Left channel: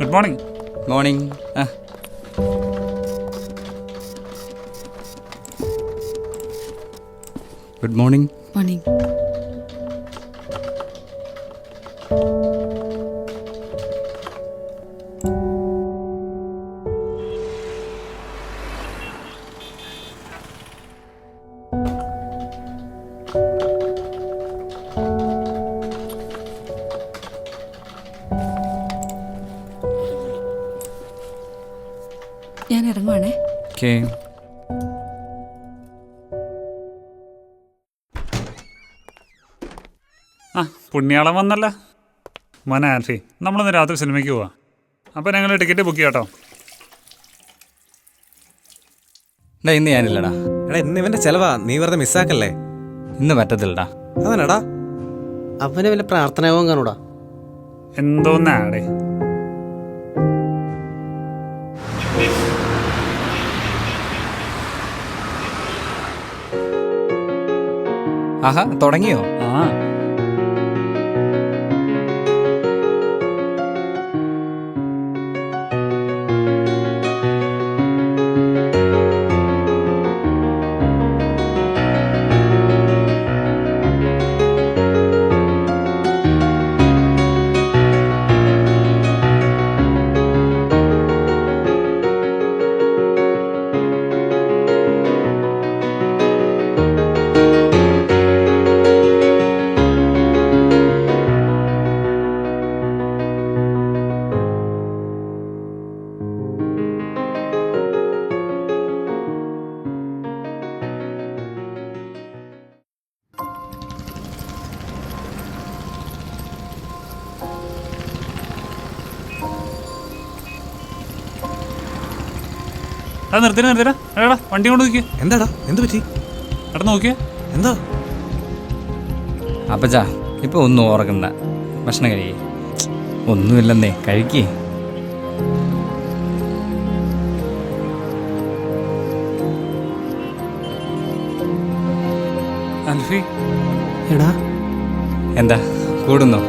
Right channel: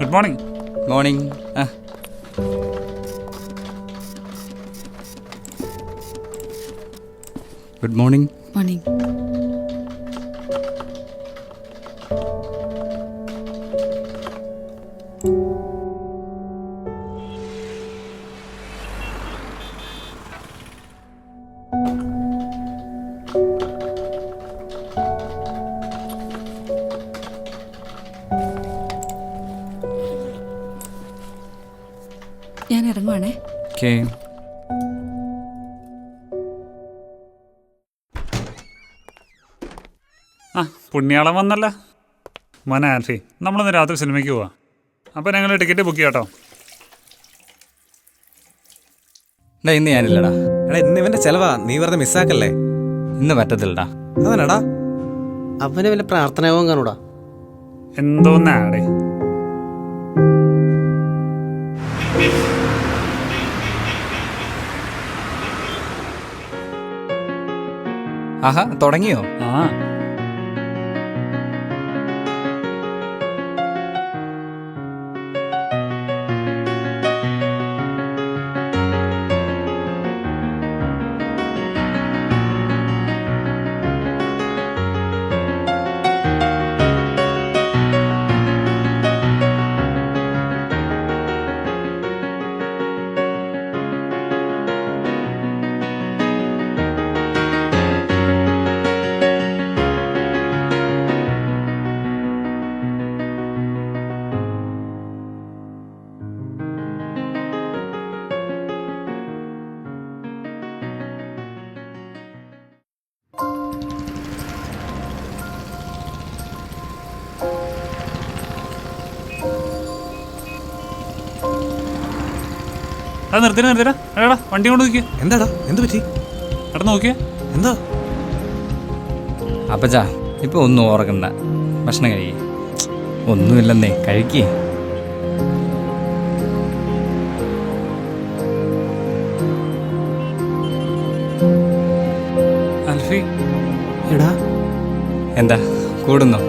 Good morning. Morning. Good morning. Morning. ഞാൻ ഇറങ്ങുവാണേ. Okay. ആ പുണ്യാളം വന്നല്ല. മോനെ ആൽഫി, നമ്മളിന്ന് രാത്രി സിനിമയ്ക്ക് പോവാം. അപ്പോൾ ഞങ്ങൾ ടിക്കറ്റ് ബുക്ക് ചെയ്യാം കേട്ടോ. എടാ ഇന്ന് ഞാനില്ലടാ. എടാ ഇന്ന് ഇവന്റെ ചെലവാ, നീ വെറുതെ മിസ്സാക്കല്ലേ. ഇന്ന് പറ്റത്തില്ലടാ. അതാണടാ. അവന് വല്ല പ്രാർത്ഥനയാവും കാണൂടാ. എന്തോന്നാടേ. ആഹാ തുടങ്ങിയോ? ആ അത് നിർത്തിനാ. എടാ വണ്ടി കൊണ്ട് നോക്കിയേ. എന്താടാ, എന്ത് പറ്റി? എടാ നോക്കിയേ. എന്താ? അപ്പച്ചാ ഇപ്പൊ ഒന്നും ഓർക്കണ്ട, ഭക്ഷണം കഴിക്കേ. ഒന്നുമില്ലെന്നേ, കഴിക്കേ. ആൽഫി എടാ എന്താ കൂടുന്നോ?